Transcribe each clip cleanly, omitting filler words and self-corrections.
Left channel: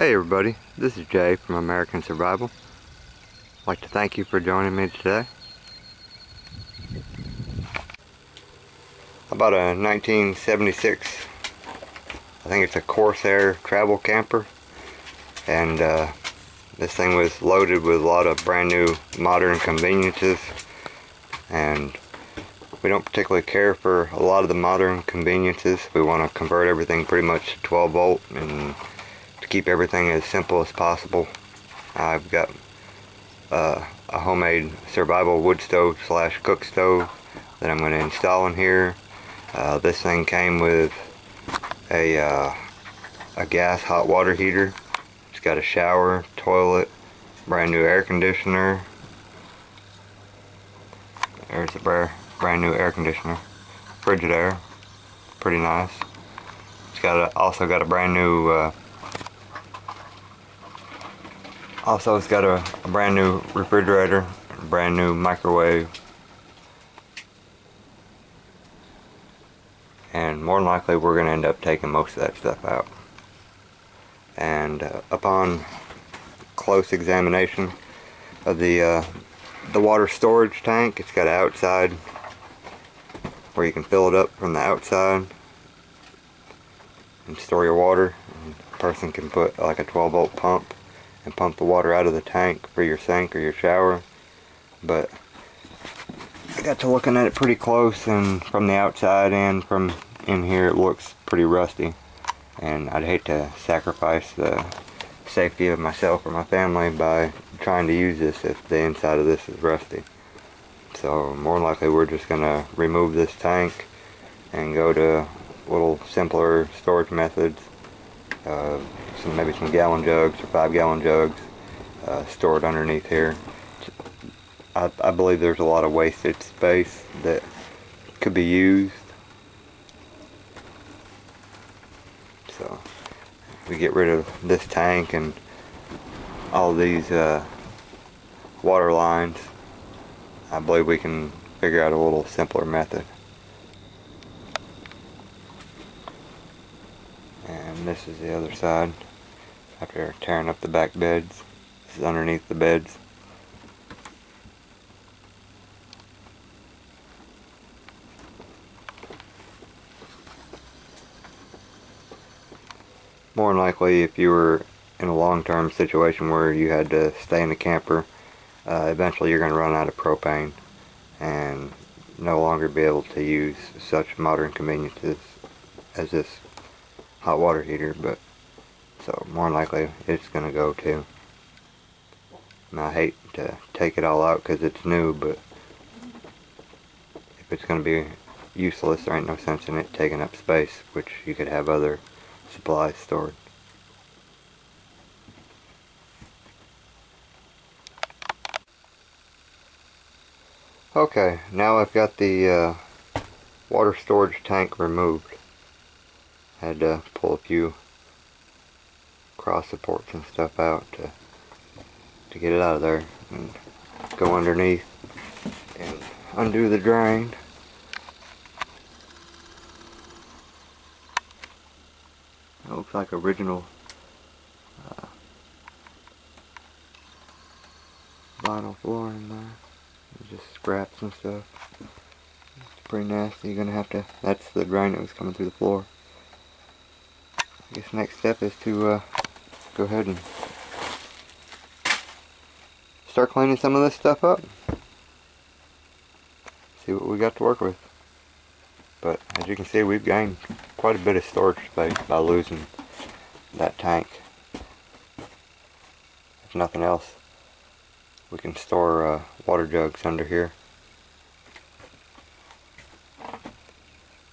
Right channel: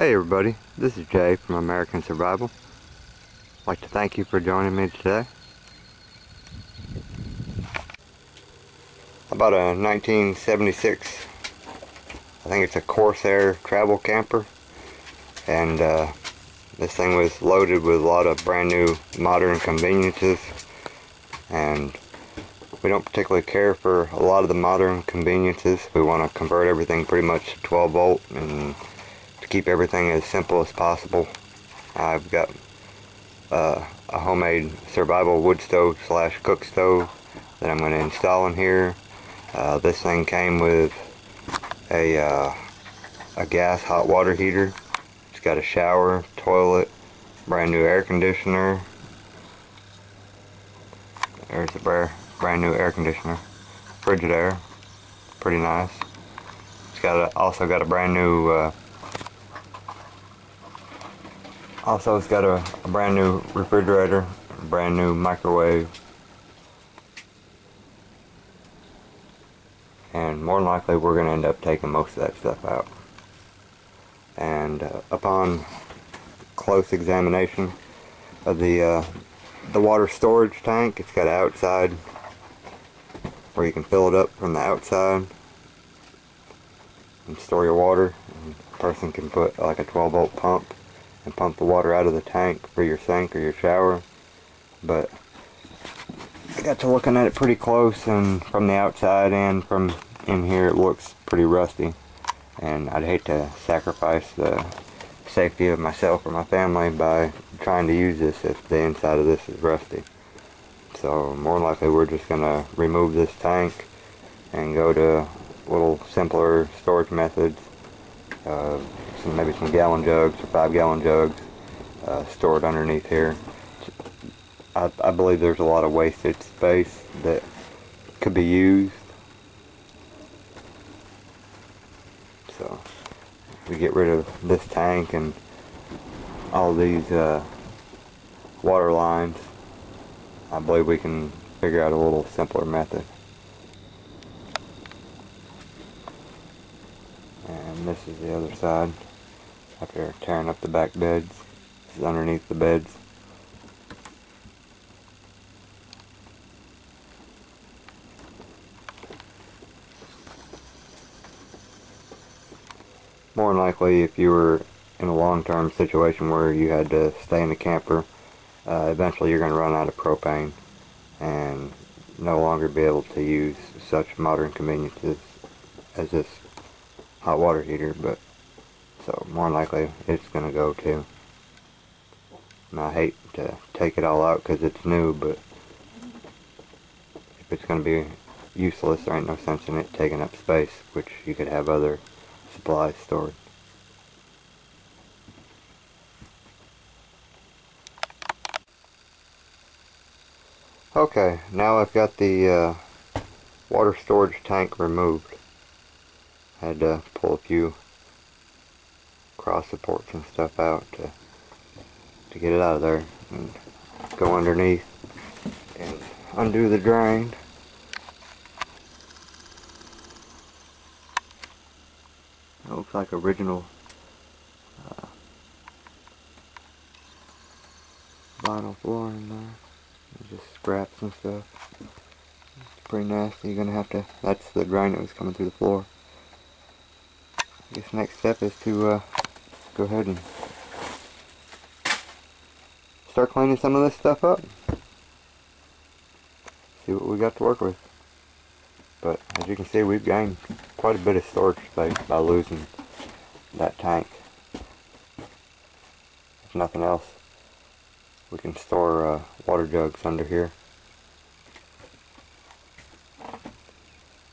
Hey everybody, this is Jay from American Survival. I'd like to thank you for joining me today. I bought a 1976, I think it's a Corsair travel camper, and this thing was loaded with a lot of brand new modern conveniences, and we don't particularly care for a lot of the modern conveniences. We want to convert everything pretty much to 12 volt and to keep everything as simple as possible. I've got a homemade survival wood stove slash cook stove that I'm going to install in here. This thing came with a gas hot water heater. It's got a shower, toilet, brand new air conditioner. There's a brand new air conditioner. Frigidaire, pretty nice. It's got also got a brand new it's got a brand new refrigerator, a brand new microwave, and more than likely we're going to end up taking most of that stuff out. And upon close examination of the water storage tank, it's got an outside where you can fill it up from the outside and store your water. And a person can put like a 12 volt pump and pump the water out of the tank for your sink or your shower. But I got to looking at it pretty close, and from the outside and from in here it looks pretty rusty, and I'd hate to sacrifice the safety of myself or my family by trying to use this if the inside of this is rusty. So more than likely we're just gonna remove this tank and go to little simpler storage methods. Maybe some gallon jugs or 5-gallon jugs stored underneath here. I believe there's a lot of wasted space that could be used. So if we get rid of this tank and all these water lines, I believe we can figure out a little simpler method. And this is the other side. After tearing up the back beds, this is underneath the beds. More than likely, if you were in a long-term situation where you had to stay in the camper, eventually you're going to run out of propane and no longer be able to use such modern conveniences as this hot water heater. But so more than likely it's going to go too. And I hate to take it all out because it's new, but if it's going to be useless, there ain't no sense in it taking up space, which you could have other supplies stored. Okay, now I've got the water storage tank removed. I had to pull a few cross supports and stuff out to get it out of there, and go underneath and undo the drain. It looks like original vinyl flooring there. Just scraps and stuff. It's pretty nasty. You're gonna have to, that's the drain that was coming through the floor. I guess next step is to go ahead and start cleaning some of this stuff up. See what we got to work with. But as you can see, we've gained quite a bit of storage space by losing that tank. If nothing else, we can store water jugs under here. I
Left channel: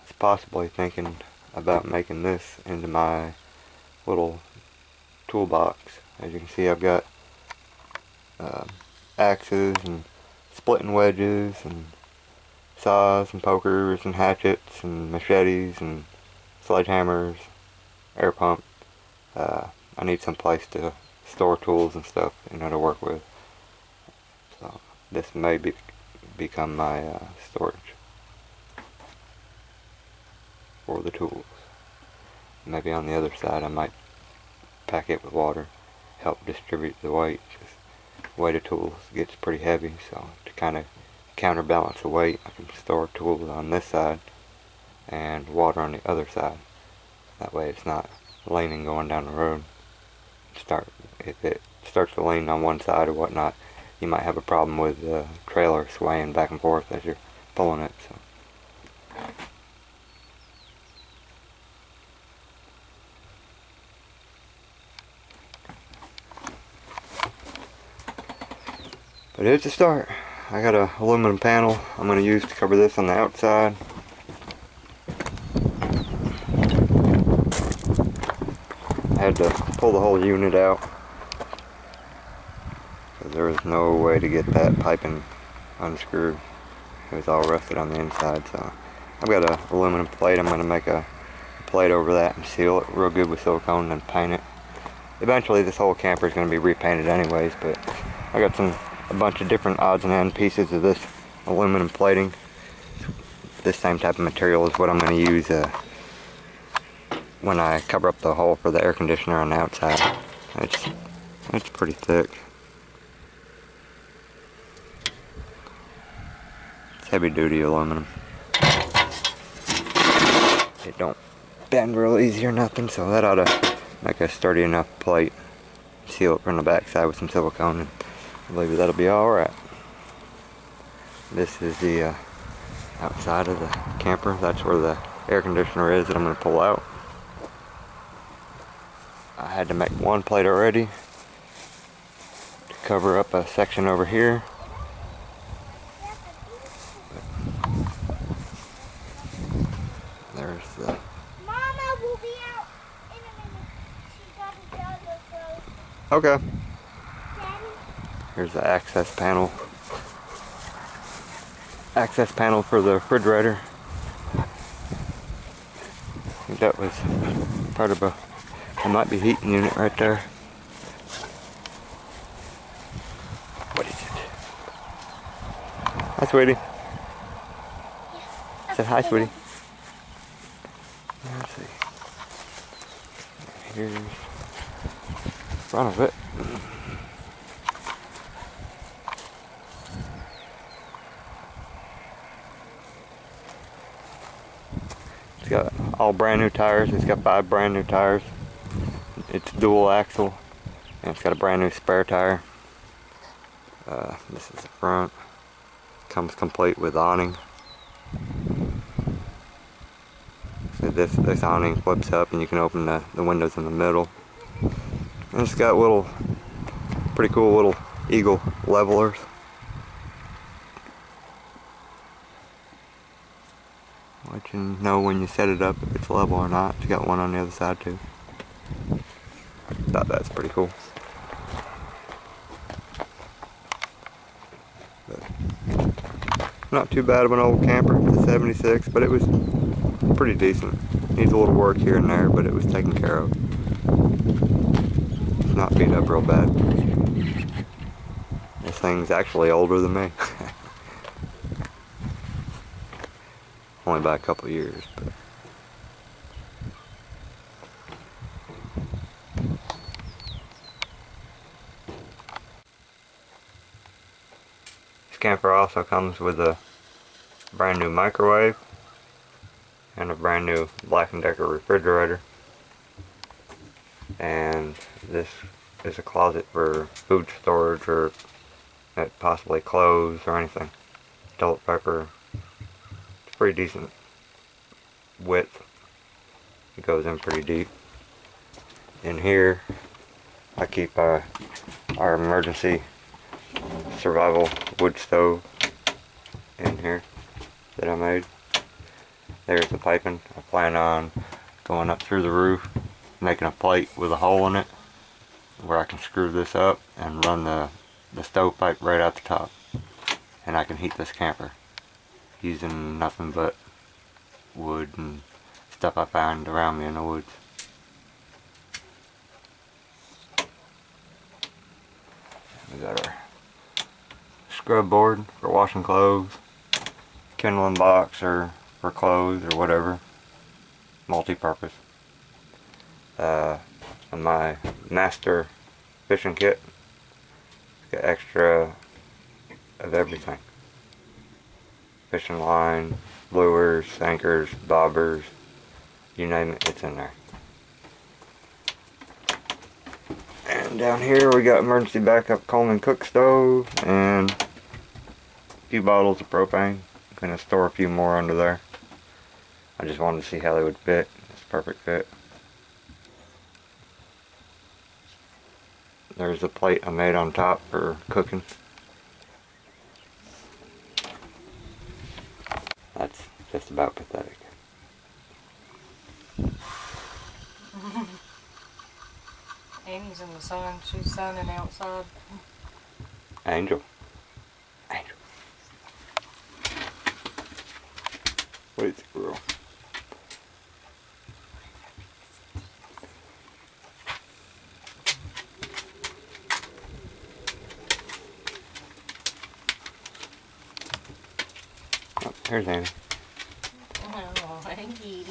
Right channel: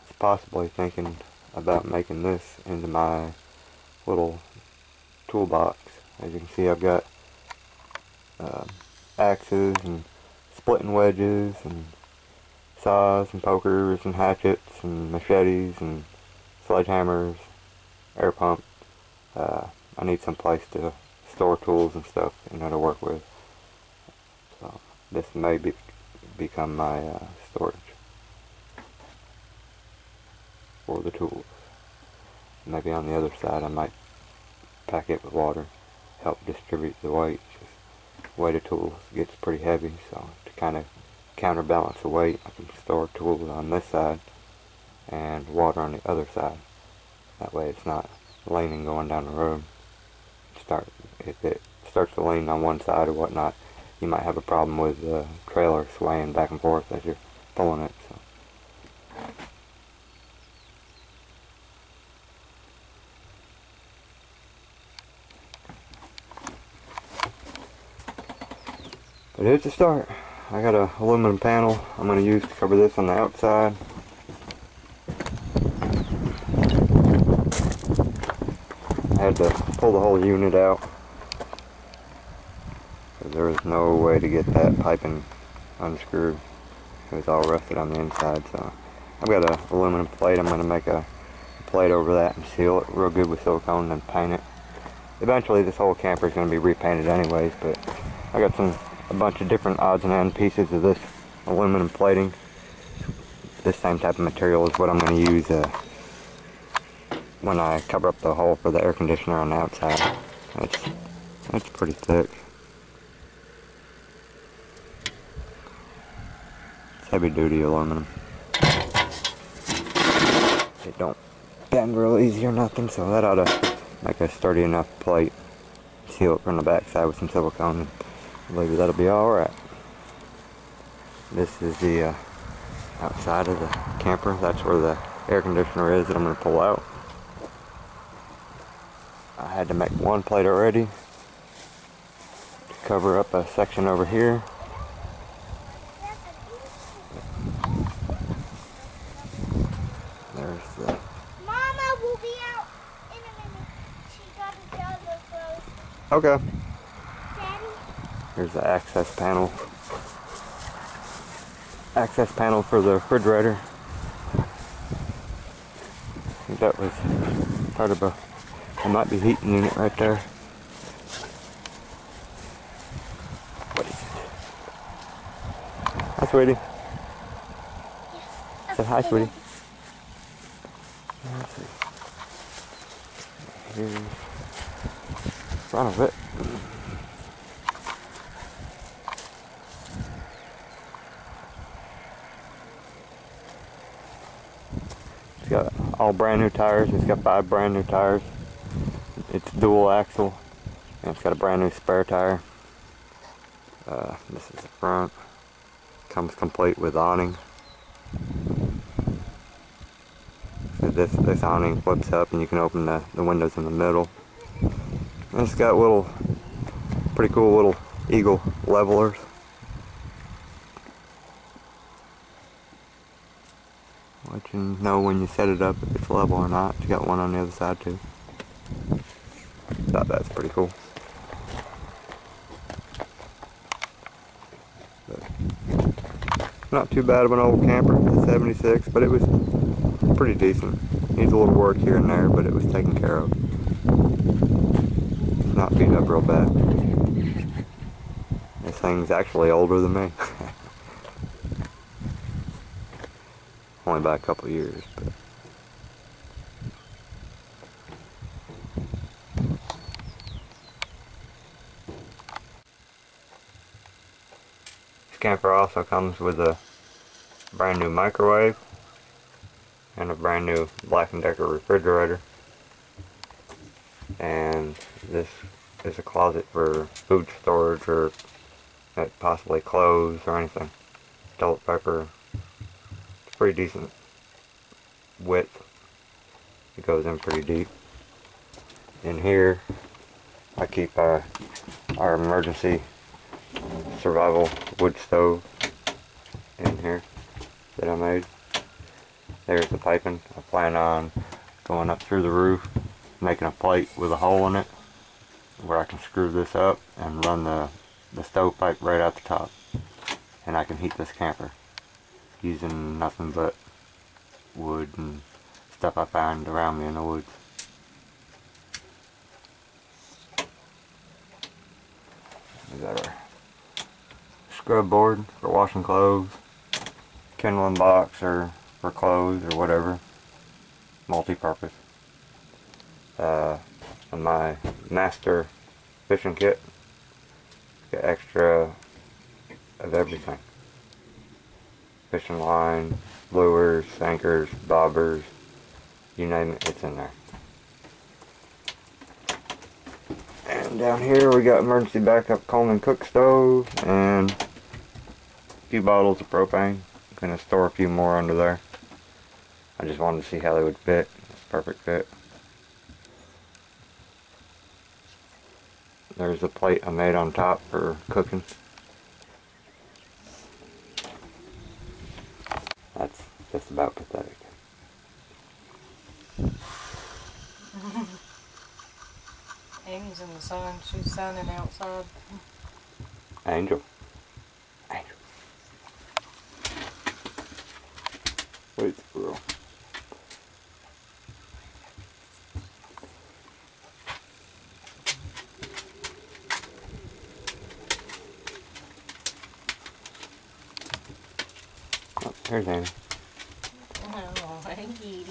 was possibly thinking about making this into my little toolbox. As you can see, I've got axes and splitting wedges and saws and pokers and hatchets and machetes and sledgehammers, air pump. I need some place to store tools and stuff, to work with. So this may become my storage for the tools. Maybe on the other side I might pack it with water, help distribute the weight. The weight of tools gets pretty heavy, so to kind of counterbalance the weight, I can store tools on this side and water on the other side. That way it's not leaning going down the road. If it starts to lean on one side or whatnot, you might have a problem with the trailer swaying back and forth as you're pulling it. So. But here's the start. I got an aluminum panel I'm going to use to cover this on the outside. I had to pull the whole unit out because there was no way to get that piping unscrewed. It was all rusted on the inside, so I've got an aluminum plate. I'm going to make a plate over that and seal it real good with silicone and paint it. Eventually this whole camper is going to be repainted anyways, but I got a bunch of different odds and end pieces of this aluminum plating. This same type of material is what I'm going to use when I cover up the hole for the air conditioner on the outside. It's pretty thick. It's heavy duty aluminum. It don't bend real easy or nothing, so that ought to make a sturdy enough plate. Seal it from the back side with some silicone, and I believe that'll be alright. This is the outside of the camper. That's where the air conditioner is that I'm going to pull out. I had to make one plate already to cover up a section over here. There's the... Mama will be out in a minute. She got a job of clothes. Okay. Daddy? Here's the access panel. Access panel for the refrigerator. I think that was part of it might be heating unit right there. What is it? Hi, sweetie. Say hi, sweetie. Let's see. Here's the front of it. It's got all brand new tires. It's got 5 brand new tires. It's dual axle, and it's got a brand new spare tire. This is the front. Comes complete with awning. So this awning flips up, and you can open the windows in the middle. And it's got pretty cool little eagle levelers. Let you know when you set it up if it's level or not. It's got one on the other side too. Thought that's pretty cool. But not too bad of an old camper. It's a 76, but it was pretty decent. Needs a little work here and there, but it was taken care of. It's not beat up real bad. This thing's actually older than me. Only by a couple of years, but this camper also comes with a brand new microwave and a brand new Black & Decker refrigerator, and this is a closet for food storage or possibly clothes or anything. Toilet paper. It's pretty decent width. It goes in pretty deep. In here I keep our emergency survival wood stove in here that I made. There's the piping. I plan on going up through the roof, making a plate with a hole in it where I can screw this up and run the stovepipe right out the top, and I can heat this camper using nothing but wood and stuff I found around me in the woods. We got our scrub board for washing clothes, kindling box or for clothes or whatever, multi-purpose. On my master fishing kit. It's got extra of everything. Fishing line, lures, anchors, bobbers, you name it, it's in there. And down here we got emergency backup Coleman cook stove and a few bottles of propane. I'm gonna store a few more under there. I just wanted to see how they would fit. It's a perfect fit. There's a plate I made on top for cooking. That's just about pathetic. Amy's in the sun. She's sunning outside. Angel. Angel. Wait, squirrel. Oh, here's Amy. Oh, Angie.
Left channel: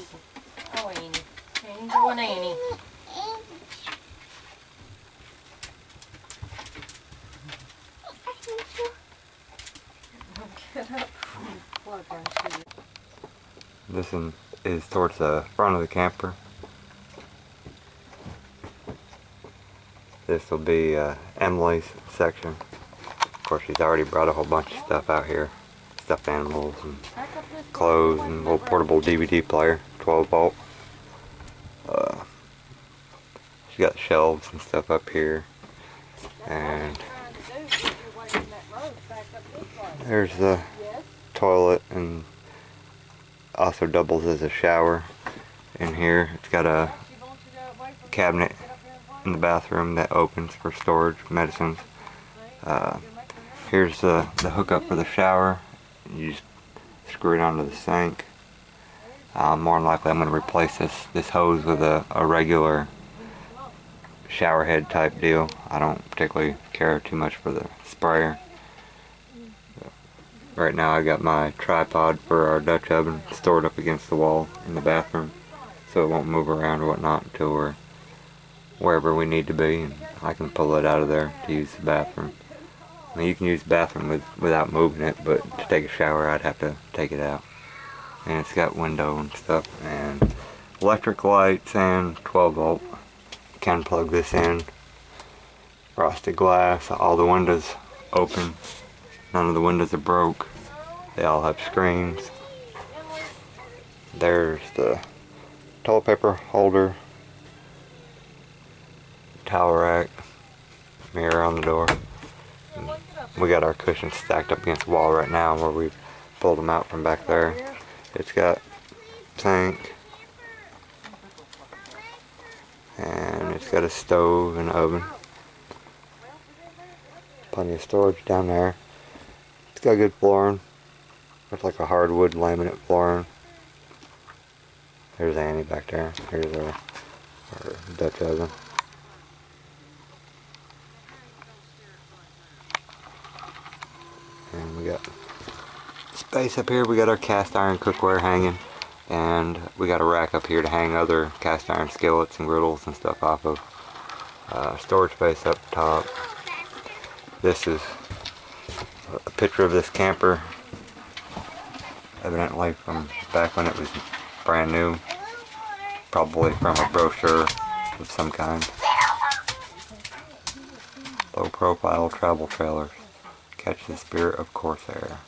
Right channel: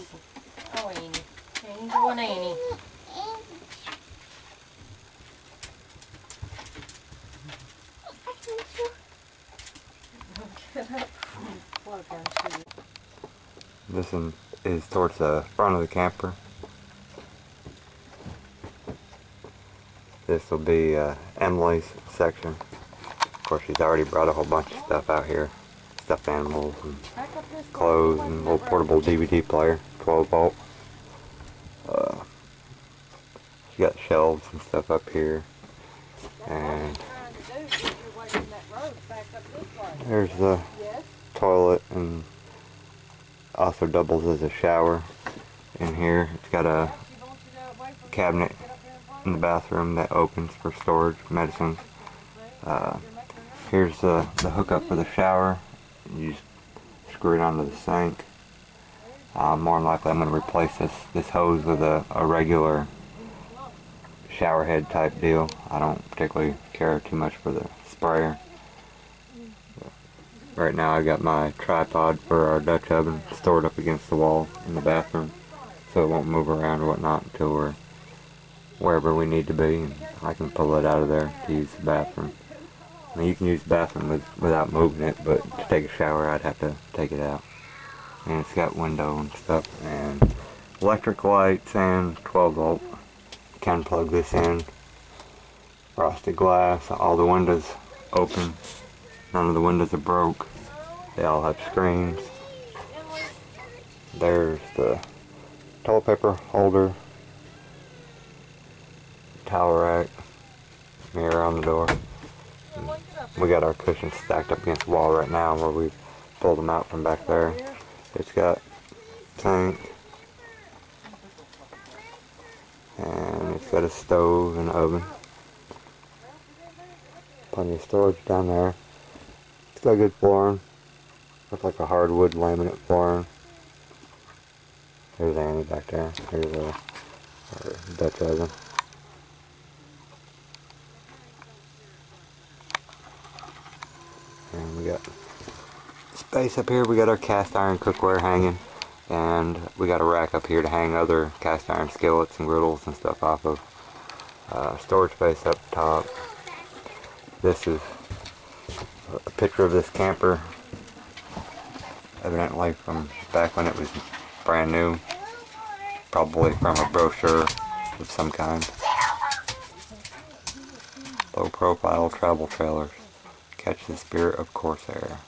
Oh, Annie. Angel and Annie. Get up. Plug our shoe. This one is towards the front of the camper. This will be Emily's section. Of course, she's already brought a whole bunch of stuff out here. Stuffed animals and clothes and a little portable DVD player, 12 volt. She got shelves and stuff up here. And there's the toilet, and also doubles as a shower in here. It's got a cabinet in the bathroom that opens for storage, medicines. Here's the hookup for the shower. You just screw it onto the sink. More than likely I'm going to replace this hose with a regular shower head type deal. I don't particularly care too much for the sprayer. Right now I got my tripod for our Dutch oven stored up against the wall in the bathroom, so it won't move around or whatnot until we're wherever we need to be, and I can pull it out of there to use the bathroom. I mean, you can use the bathroom without moving it, but to take a shower I'd have to take it out. And it's got window and stuff, and electric lights, and 12 volt. Can plug this in. Frosted glass, all the windows open. None of the windows are broke. They all have screens. There's the toilet paper holder, towel rack, mirror on the door. And we got our cushions stacked up against the wall right now where we pulled them out from back there. It's got sink, and it's got a stove and oven. Plenty of storage down there. It's got good flooring. Looks like a hardwood laminate flooring. There's Annie back there. Here's our Dutch oven. And we got space up here. We got our cast iron cookware hanging. And we got a rack up here to hang other cast iron skillets and griddles and stuff off of. Storage space up top. This is a picture of this camper, evidently from back when it was brand new, probably from a brochure of some kind. Low profile travel trailers, catch the spirit of Corsair.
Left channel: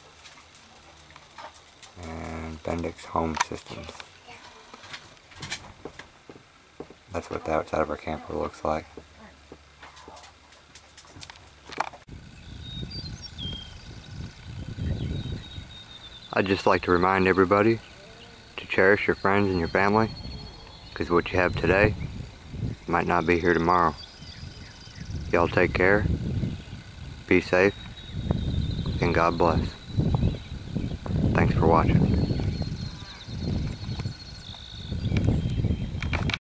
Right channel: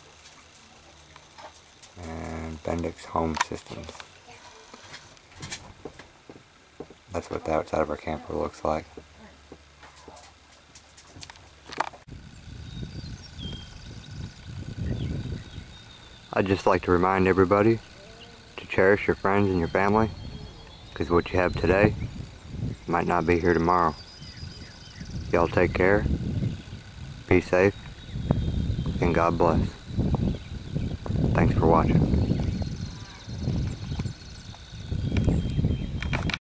And Bendix Home Systems. That's what the outside of our camper looks like. I'd just like to remind everybody to cherish your friends and your family, because what you have today might not be here tomorrow. Y'all take care, be safe, and God bless. Thanks for watching.